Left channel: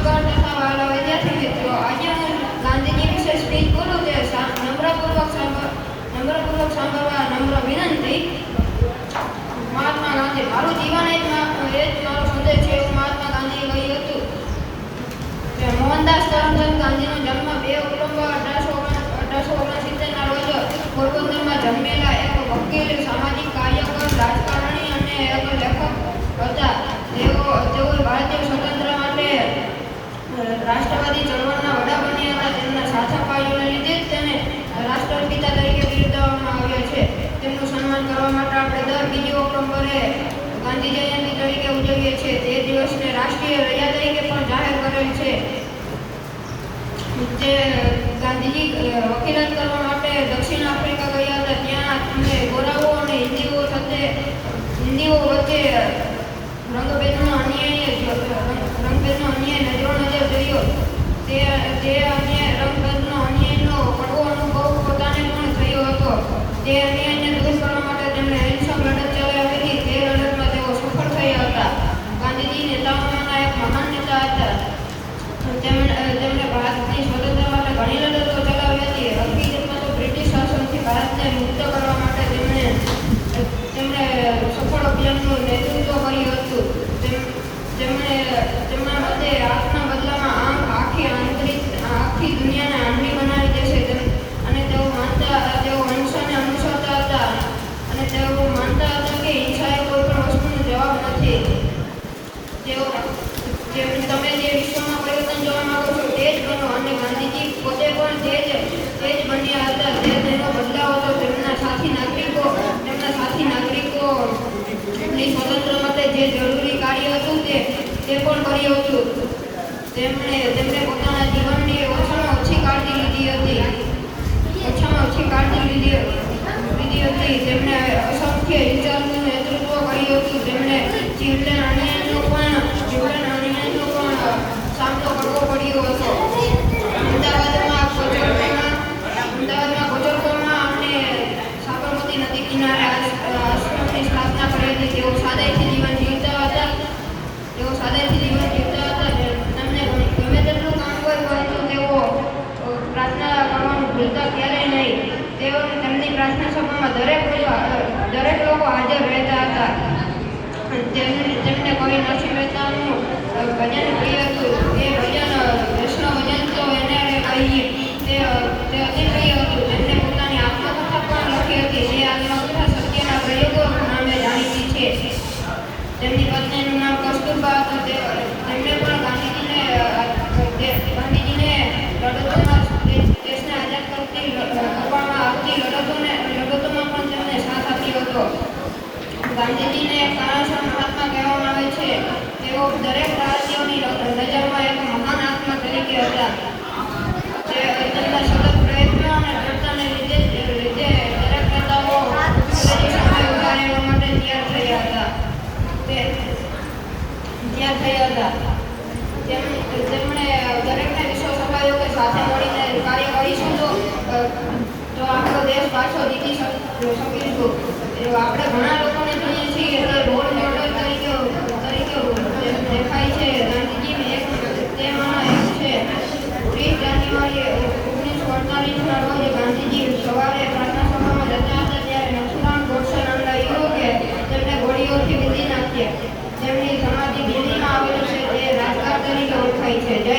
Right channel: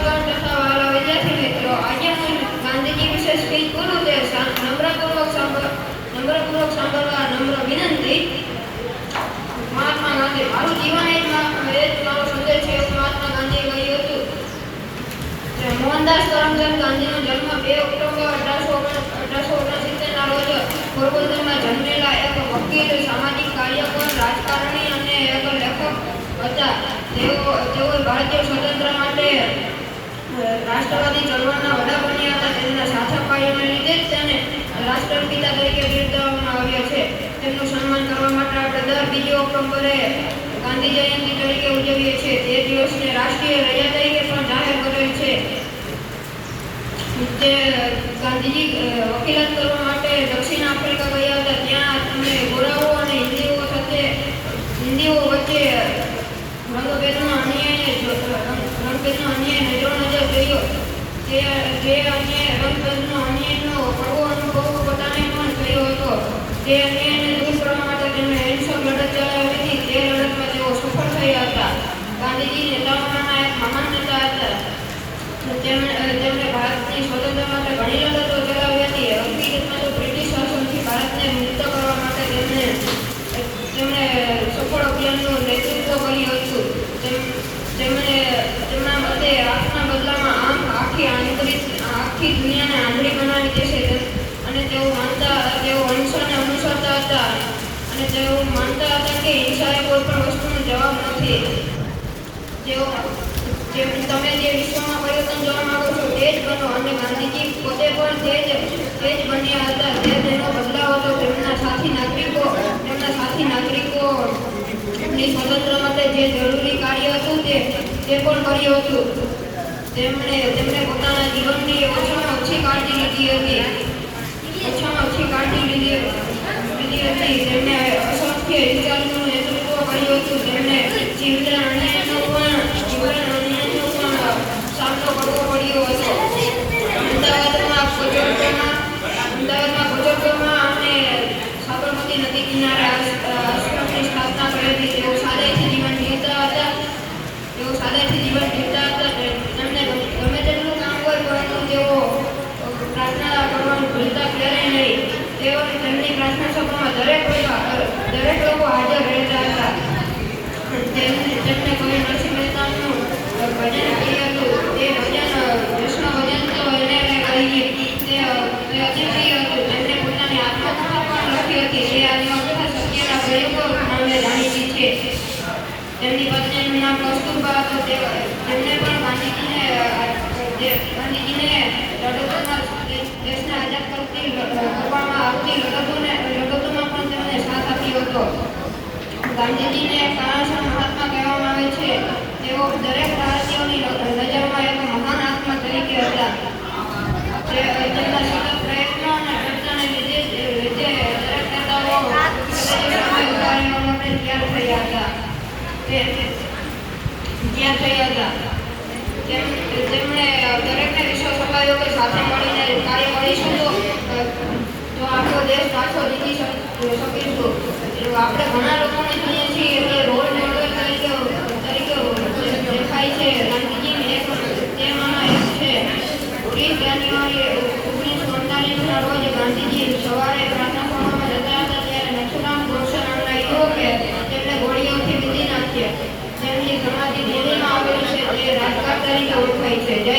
સભાગણ તથા વાલા વિદ્યાર્થી મિત્રો, આજે હું ગાંધીજી વિશે સ્પીચ કરું તે નમ્રપૂર્વક સાંભળવા નમ્ર વિનંતી. મહાત્મા ગાંધી, મારું જીવન એ જ મારો સંદેશ છે એવું મહાત્મા ગાંધીએ કહ્યું હતું. મોહનદાસ કરમચંદ ગાંધીનો જન્મ 2 ઓક્ટોબર 1869 ના રોજ પોરબંદરમાં જન્મેલા એક વકીલ, સામાજિક કાર્યકર, રાજકારણી અને એક લેખક હતા. તેઓ ભારતીય સ્વતંત્રતા માટે રાષ્ટ્રવાદી ચળવળના વડા બન્યા હતા. તેમના સાચા કાર્યને લીધે જ તેને રાષ્ટ્રપિતા તરીકે બિરદાવવામાં આવ્યા છે. તેમનું સન્માન કરવા માટે આપણે દર 2 ઓક્ટોબરે ગાંધી જયંતિ તરીકે ઉજવીએ છીએ. તે દિવસને રાષ્ટ્રીય રજા તરીકે પણ જાહેર કરેલ છે. જે ગાંધીજી વકીલાત કરવા માટે દક્ષિણ આફ્રિકા ગયા હતા. ત્યાં તેમને ગોરાઓ અને હિન્દીઓ વચ્ચે રંગભેદનો અન્યાય નજરો નજર જોયો. તે રંગભેદનો અન્યાયનો કડવો અનુભવ પોતાને પણ થયો હતો. તે અન્યાયને દૂર કરવા માટે તેમણે અહિંસક લડત ચલાવી હતી. તે લડતમાં તેઓ સફળ થયા હતા. ગાંધીજી નેતાઓમાંના એક મહાન નેતા હતા. તેમણે ભારતની સ્વતંત્રતા માટે ઘણી લડતો ચલાવી હતી. હકીકતમાં તો બ્રિટિશ શાસનથી ભારતને મુક્ત કરવા માટે તેમણે સફળ અભિયાનનું નેતૃત્વ કર્યું હતું. તેમના મતે આંખના બદલામાં આખી દુનિયાને આંધળી બનાવી દેશે. અને તેઓ અહિંસાને અનુસરતા હતા. અને તેઓ માનતા હતા કે હિંસા એ કોઈ પણ વસ્તુનો જવાબ નથી. તમે જે વિશ્વમાં પરિવર્તન જોવા માંગો છો તે જ બનો. અને ગાંધીજી પોતે પણ તે જ બન્યા હતા. તે તેનો બદલાવ હતો. તેમના સાથી નાગરિકોની સ્વતંત્ર માટે જે જરૂરી કાર્ય હતું તે પણ કર્યું હતું. તેમણે પોતાના જીવનની ઓછામાં ઓછી કાળજી લીધી હતી. તેમણે અસંખ્ય હિંસાનું નેતૃત્વ કર્યું હતું. તેમણે જીવલેણ અન્યાયનો પણ સામનો કરવો પડ્યો હતો. અમદાવાદમાં બુજુર્ગોમાં અને સાબરમતી નદી કિનારે આશ્રમની સ્થાપના કરી હતી. તેઓ સાદાઈથી જીવન જીવતા હતા. તેમને ગમે તેટલું કામ હોય પરંતુ તેઓ પ્રાર્થના કરવાનું ભૂલતા ક્યારેય નહીં. તેમની પ્રાર્થના સભામાં દરેક લોકો હાજર રહેતા હતા. તેમને કોઈ નરસિંહ મહેતાનું ભજન કર્યું હતું. તે ભજન વૈષ્ણવ ભજન તો એને કહીએ તે અતિશય હતું. તેમણે પોતાની આત્મકથા પણ લખી હતી. તે આત્મકથા સત્યના પ્રયોગો નામે જાણીતી છે. તેમની પત્નીનું નામ કસ્તુરબા હતું. તેમણે પણ ગાંધીજીને દેશને આઝાદ કરવામાં આવતી લડતોમાં પણ તેમને સાથ આપ્યો હતો. ગાંધીજીને કારણસર મહાત્મા કહેવામાં આવે છે. તેઓ દરેક ભારતીયોની નજરમાં એક મહાન આત્મા તરીકે હતા. તેમના સતત પ્રયત્નો અને ચર્ચાને લીધે દરેક નેતાઓ ઉભા રહેવા માટે તૈયાર થયા હતા. તેમણે દરેકને વિશ્વ સભાઓ સાથે મળીને કાર્ય કરીશું તો આપણો દેશ પાછો જીતી શકીશું. આપણે ઘણા લોકોને જોઈએ છીએ એટલે રોલ મોડેલ તરીકે દેખાય છે. ગાંધીજી તેમાંનો એક છે. 30 જાન્યુઆરી 1948ના રોજ ગાંધીજી સવારે પ્રાર્થના સભામાં જતા હતા. ત્યારે નથુરામ ગોડસે નામના યુવકે તેમને ગોળીઓથી વીંધી નાખ્યા. તેમની સમાધિ દિલ્હીમાં આવેલી છે. તે રાજઘાટ તરીકે ઓળખાય છે. જય